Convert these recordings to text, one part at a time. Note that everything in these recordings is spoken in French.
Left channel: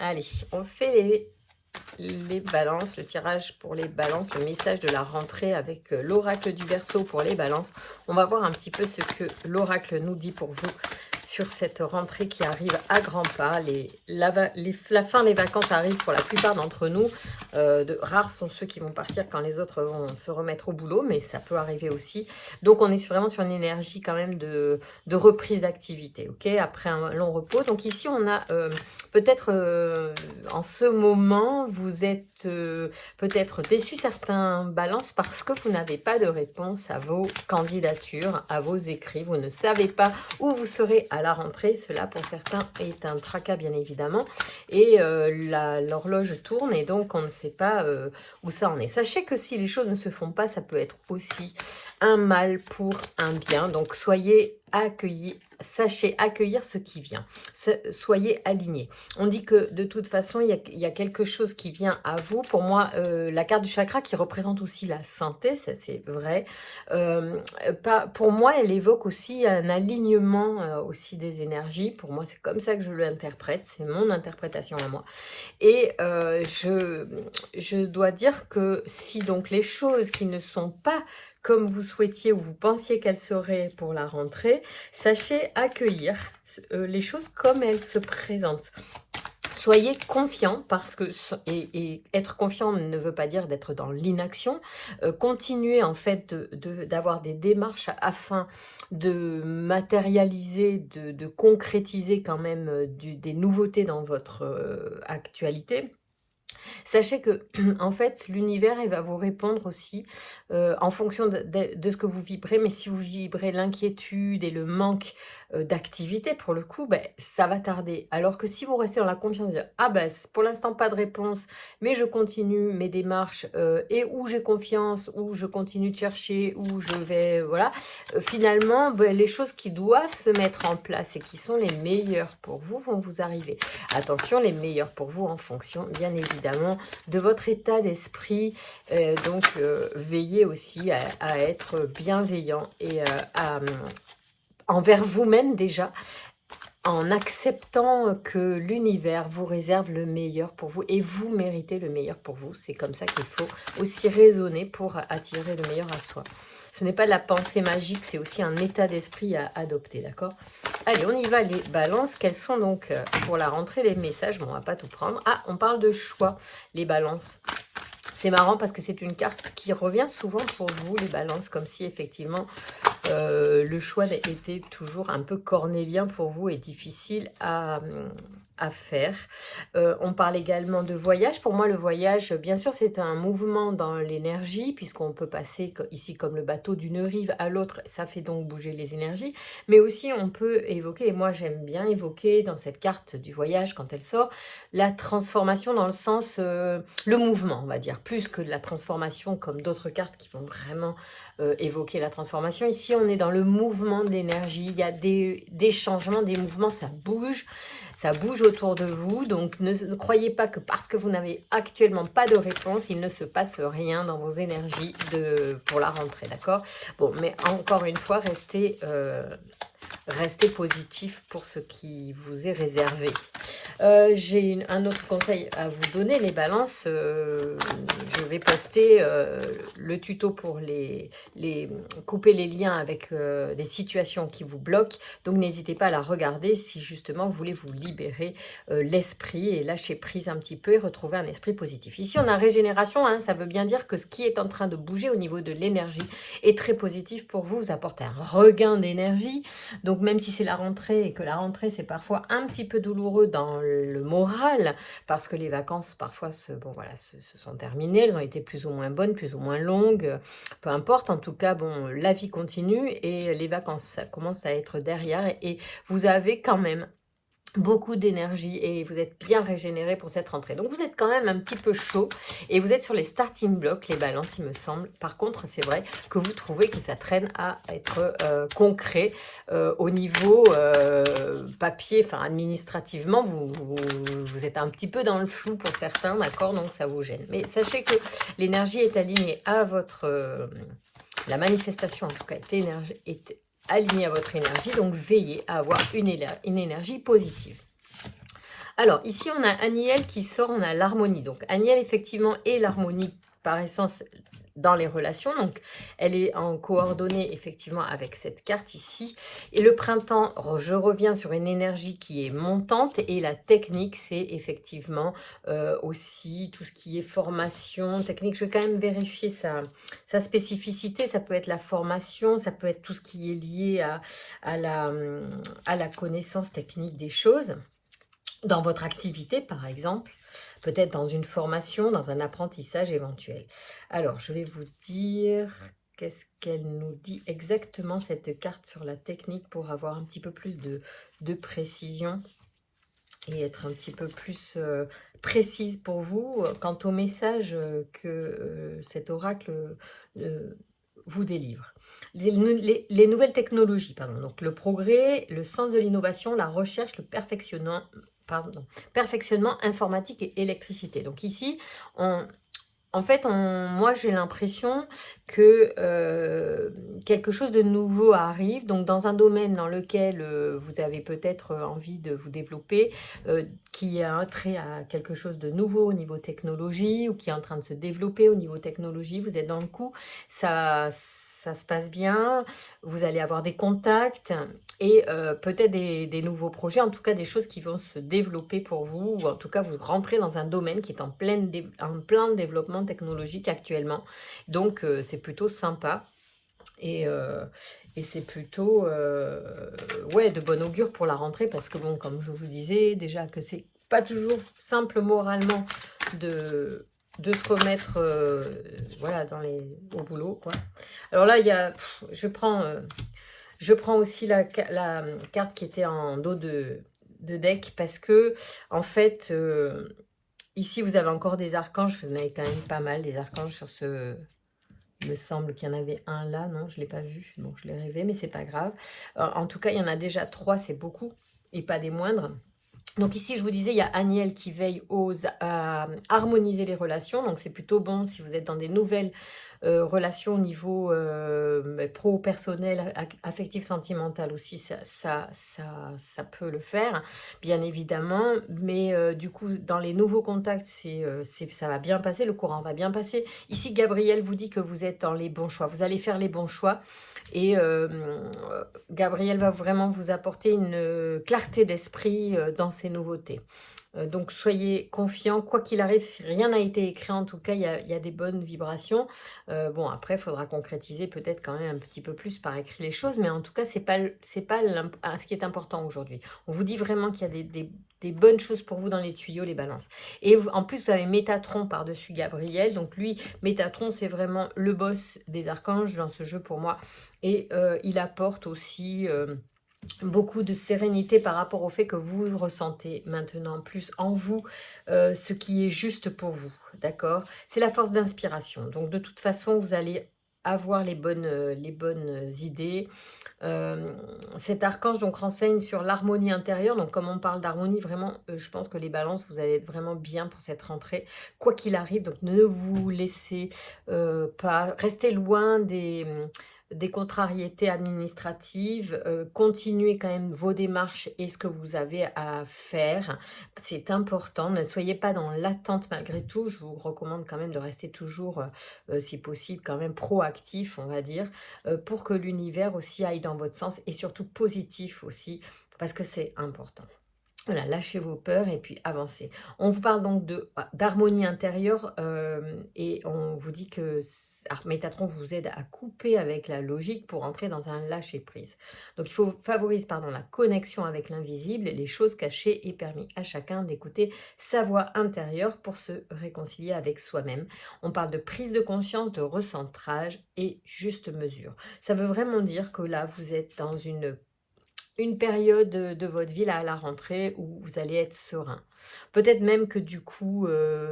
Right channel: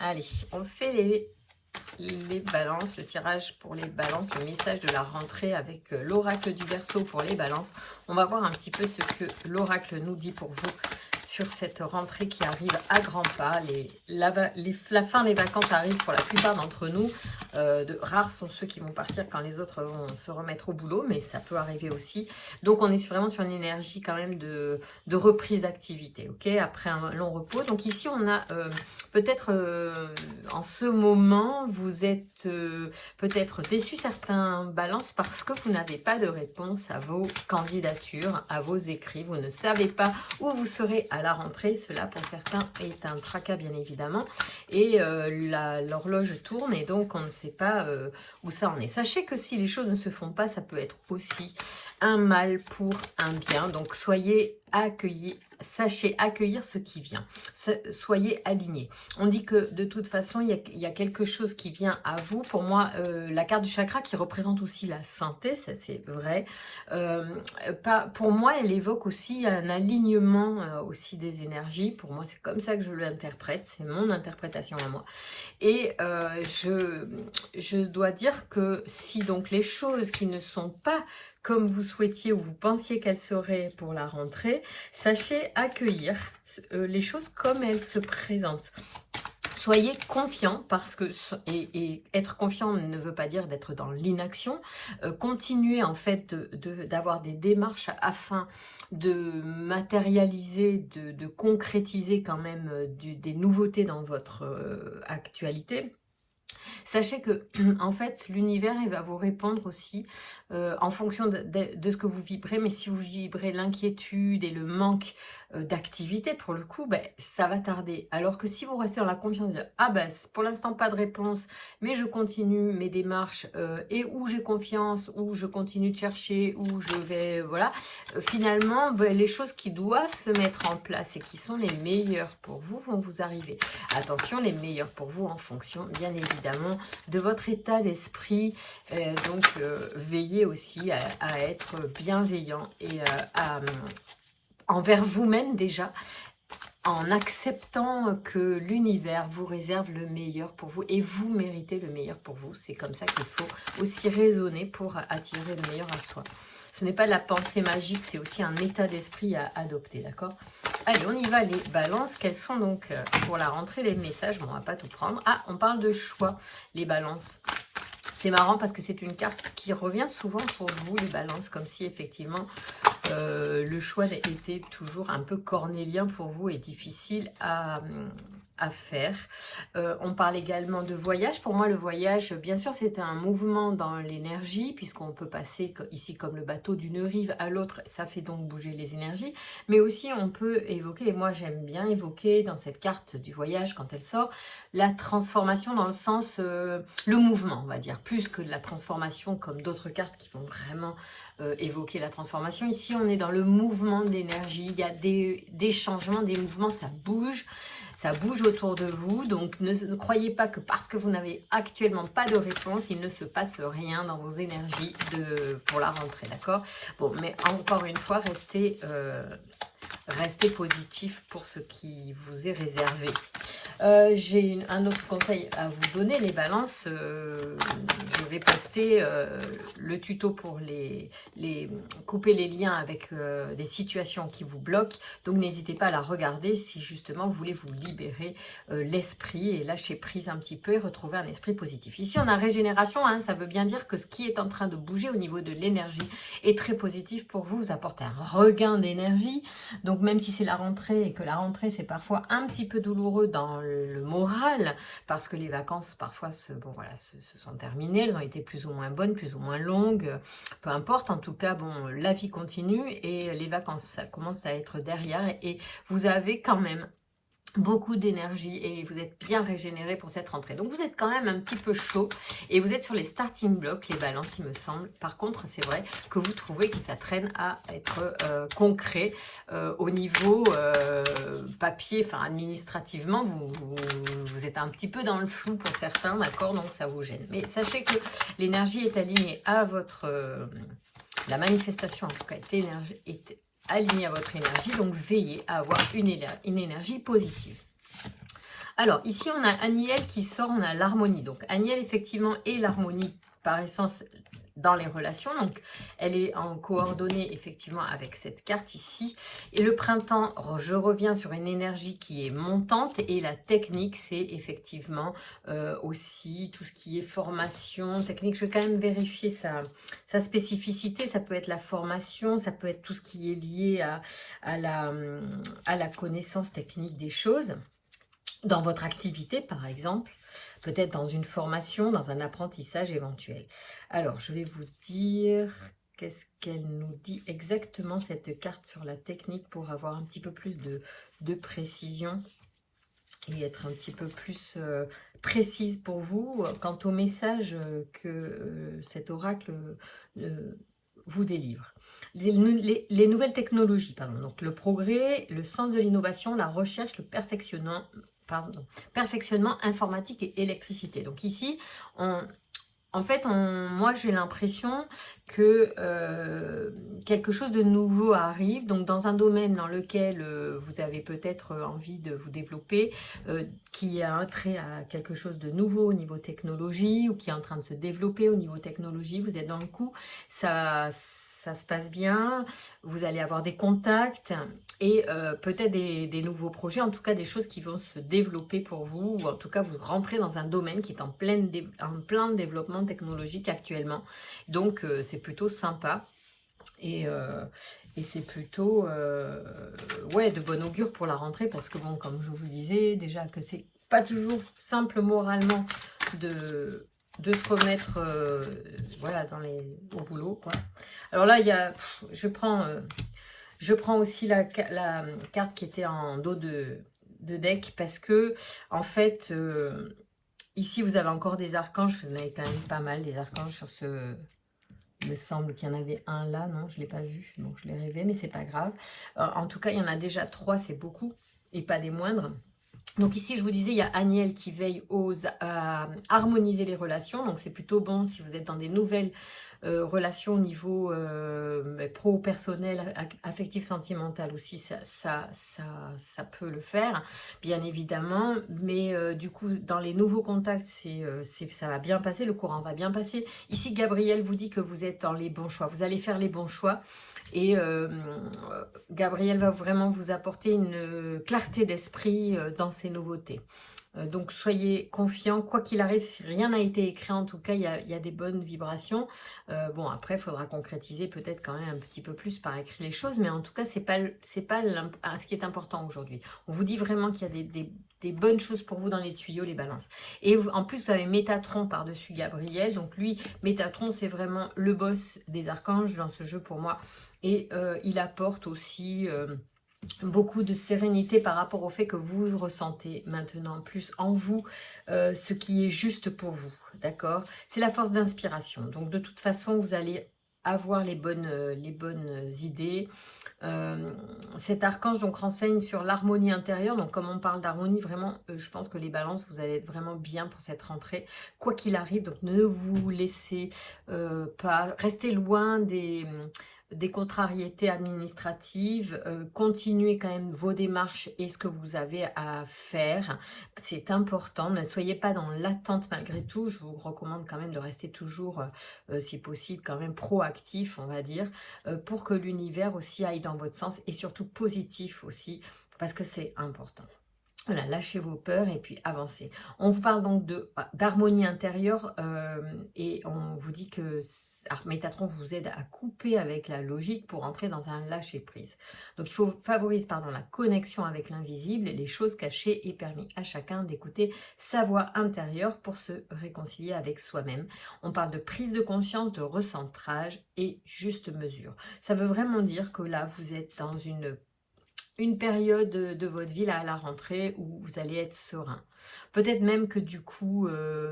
Allez, on fait les balances, le tirage pour les balances, le message de la rentrée avec l'oracle du Verseau pour les balances. On va voir un petit peu ce que l'oracle nous dit pour vous sur cette rentrée qui arrive à grands pas. La fin des vacances arrive pour la plupart d'entre nous. Rares sont ceux qui vont partir quand les autres vont se remettre au boulot, mais ça peut arriver aussi. Donc on est vraiment sur une énergie quand même de reprise d'activité, ok, après un long repos. Donc ici on a peut-être en ce moment, vous êtes peut-être déçu certains balances parce que vous n'avez pas de réponse à vos candidatures, à vos écrits. Vous ne savez pas où vous serez à la rentrée. Cela, pour certains, est un tracas, bien évidemment. Et l'horloge tourne et donc on ne sait pas où ça en est. Sachez que si les choses ne se font pas, ça peut être aussi un mal pour un bien. Donc, soyez accueillis. Sachez accueillir ce qui vient. Soyez alignés. On dit que de toute façon, il y a quelque chose qui vient à vous. Pour moi, la carte du chakra qui représente aussi la santé, ça c'est vrai. Pour moi, elle évoque aussi un alignement aussi des énergies. Pour moi, c'est comme ça que je l'interprète. C'est mon interprétation à moi. Et je dois dire que si donc les choses qui ne sont pas comme vous souhaitiez ou vous pensiez qu'elles seraient pour la rentrée, sachez accueillir les choses comme elles se présentent. Soyez confiants parce que, et être confiant ne veut pas dire d'être dans l'inaction. Continuez en fait d'avoir des démarches afin de matérialiser, de concrétiser quand même des nouveautés dans votre actualité. Sachez que, en fait, l'univers, il va vous répondre aussi en fonction de ce que vous vibrez. Mais si vous vibrez l'inquiétude et le manque d'activité, pour le coup, ben, ça va tarder. Alors que si vous restez dans la confiance, de ah ben, pour l'instant, pas de réponse, mais je continue mes démarches et où j'ai confiance, où je continue de chercher, où je vais, voilà. Finalement, ben, les choses qui doivent se mettre en place et qui sont les meilleures pour vous vont vous arriver. Attention, les meilleures pour vous en fonction, bien évidemment, de votre état d'esprit. Donc, veillez aussi à être bienveillant et envers vous-même déjà, en acceptant que l'univers vous réserve le meilleur pour vous et vous méritez le meilleur pour vous. C'est comme ça qu'il faut aussi raisonner pour attirer le meilleur à soi. Ce n'est pas de la pensée magique, c'est aussi un état d'esprit à adopter, d'accord? Allez, on y va les balances. Quels sont donc pour la rentrée les messages? Bon, on ne va pas tout prendre. Ah, on parle de choix, les balances. C'est marrant parce que c'est une carte qui revient souvent pour vous, les balances, comme si effectivement le choix était toujours un peu cornélien pour vous et difficile à faire. On parle également de voyage. Pour moi, le voyage, bien sûr, c'est un mouvement dans l'énergie, puisqu'on peut passer ici comme le bateau d'une rive à l'autre. Ça fait donc bouger les énergies. Mais aussi, on peut évoquer, et moi j'aime bien évoquer dans cette carte du voyage, quand elle sort, la transformation dans le sens, le mouvement, on va dire, plus que la transformation comme d'autres cartes qui vont vraiment évoquer la transformation. Ici, on est dans le mouvement d'énergie. Il y a des changements, des mouvements, ça bouge. Ça bouge autour de vous, donc ne croyez pas que parce que vous n'avez actuellement pas de réponse, il ne se passe rien dans vos énergies pour la rentrée, d'accord? Bon, mais encore une fois, restez positif pour ce qui vous est réservé. J'ai un autre conseil à vous donner, les balances. Je vais poster le tuto pour couper les liens avec des situations qui vous bloquent. Donc, n'hésitez pas à la regarder si justement vous voulez vous libérer l'esprit et lâcher prise un petit peu et retrouver un esprit positif. Ici, on a régénération. Hein, ça veut bien dire que ce qui est en train de bouger au niveau de l'énergie est très positif pour vous. Vous apporte un regain d'énergie. Donc, même si c'est la rentrée et que la rentrée, c'est parfois un petit peu douloureux dans le moral, parce que les vacances, parfois, se sont terminées. Elles ont été plus ou moins bonnes, plus ou moins longues. Peu importe. En tout cas, bon, la vie continue et les vacances, ça commence à être derrière. Et vous avez quand même beaucoup d'énergie et vous êtes bien régénéré pour cette rentrée. Donc, vous êtes quand même un petit peu chaud et vous êtes sur les starting blocks, les balances, il me semble. Par contre, c'est vrai que vous trouvez que ça traîne à être concret au niveau papier, enfin administrativement, vous êtes un petit peu dans le flou pour certains, d'accord? Donc, ça vous gêne. Mais sachez que l'énergie est alignée à votre... la manifestation, en tout cas, est aligné à votre énergie, donc veillez à avoir une énergie positive. Alors, ici, on a Aniel qui sort, on a l'harmonie. Donc, Aniel, effectivement, est l'harmonie par essence dans les relations. Donc, elle est en coordonnée, effectivement, avec cette carte ici. Et le printemps, je reviens sur une énergie qui est montante. Et la technique, c'est effectivement aussi tout ce qui est formation, technique. Je vais quand même vérifier sa spécificité. Ça peut être la formation, ça peut être tout ce qui est lié à la connaissance technique des choses. Dans votre activité, par exemple, peut-être dans une formation, dans un apprentissage éventuel. Alors, je vais vous dire qu'est-ce qu'elle nous dit exactement, cette carte sur la technique, pour avoir un petit peu plus de précision et être un petit peu plus précise pour vous quant au message que cet oracle vous délivre. Les nouvelles technologies, pardon, donc le progrès, le sens de l'innovation, la recherche, le perfectionnement informatique et électricité. Donc ici, en fait, moi j'ai l'impression que quelque chose de nouveau arrive, donc dans un domaine dans lequel vous avez peut-être envie de vous développer, qui a un trait à quelque chose de nouveau au niveau technologie, ou qui est en train de se développer au niveau technologie, vous êtes dans le coup, ça se passe bien, vous allez avoir des contacts et peut-être des nouveaux projets, en tout cas des choses qui vont se développer pour vous, ou en tout cas vous rentrez dans un domaine qui est en plein développement technologique actuellement. Donc c'est plutôt sympa et c'est plutôt ouais, de bon augure pour la rentrée, parce que bon, comme je vous disais déjà, que c'est pas toujours simple moralement de se remettre voilà, au boulot, quoi. Alors là, il y a, je prends aussi la carte qui était en dos de deck, parce que en fait, ici vous avez encore des archanges. Vous en avez quand même pas mal des archanges sur ce... Il me semble qu'il y en avait un là, non, je ne l'ai pas vu, donc je l'ai rêvé, mais c'est pas grave. En tout cas, il y en a déjà 3, c'est beaucoup, et pas les moindres. Donc ici, je vous disais, il y a Aniel qui veille à harmoniser les relations. Donc c'est plutôt bon si vous êtes dans des nouvelles relations au niveau pro-personnel, affectif, sentimental aussi, ça peut le faire, bien évidemment. Mais du coup, dans les nouveaux contacts, ça va bien passer, le courant va bien passer. Ici, Gabriel vous dit que vous êtes dans les bons choix. Vous allez faire les bons choix. Et Gabriel va vraiment vous apporter une clarté d'esprit dans ces nouveautés. Donc soyez confiants, quoi qu'il arrive, si rien n'a été écrit, en tout cas, il y a des bonnes vibrations. Bon, après, il faudra concrétiser peut-être quand même un petit peu plus par écrit les choses, mais en tout cas, c'est pas ce qui est important aujourd'hui. On vous dit vraiment qu'il y a des bonnes choses pour vous dans les tuyaux, les balances. Et en plus, vous avez Métatron par-dessus Gabriel. Donc lui, Métatron, c'est vraiment le boss des archanges dans ce jeu pour moi. Et il apporte aussi... beaucoup de sérénité par rapport au fait que vous ressentez maintenant plus en vous ce qui est juste pour vous, d'accord? C'est la force d'inspiration. Donc de toute façon, vous allez avoir les bonnes idées. Cet archange donc renseigne sur l'harmonie intérieure. Donc comme on parle d'harmonie, vraiment, je pense que les balances, vous allez être vraiment bien pour cette rentrée, quoi qu'il arrive. Donc ne vous laissez pas rester loin des contrariétés administratives, continuez quand même vos démarches et ce que vous avez à faire, c'est important. Ne soyez pas dans l'attente malgré tout. Je vous recommande quand même de rester toujours, si possible, quand même proactif, on va dire, pour que l'univers aussi aille dans votre sens, et surtout positif aussi, parce que c'est important. Voilà, lâchez vos peurs et puis avancez. On vous parle donc d'harmonie intérieure et on vous dit que Métatron vous aide à couper avec la logique pour entrer dans un lâcher-prise. Donc il faut favoriser la connexion avec l'invisible, les choses cachées, et permis à chacun d'écouter sa voix intérieure pour se réconcilier avec soi-même. On parle de prise de conscience, de recentrage et juste mesure. Ça veut vraiment dire que là, vous êtes dans une période de votre vie là, à la rentrée où vous allez être serein. Peut-être même que du coup,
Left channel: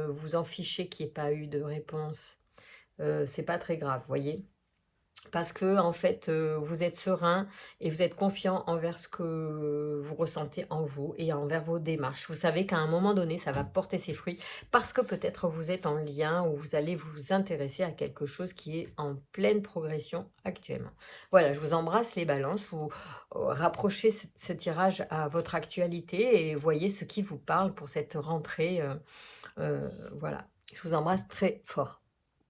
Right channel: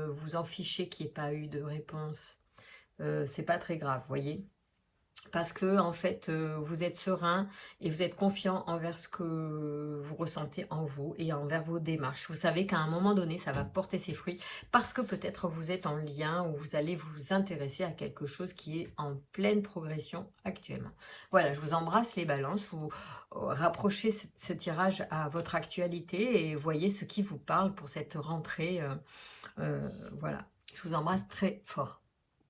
vous en fichez qu'il n'y ait pas eu de réponse. C'est pas très grave, voyez. parce que en fait, vous êtes serein et vous êtes confiant envers ce que vous ressentez en vous et envers vos démarches. Vous savez qu'à un moment donné, ça va porter ses fruits parce que peut-être vous êtes en lien ou vous allez vous intéresser à quelque chose qui est en pleine progression actuellement. Voilà, je vous embrasse les balances, vous rapprochez ce tirage à votre actualité et voyez ce qui vous parle pour cette rentrée. Voilà, je vous embrasse très fort.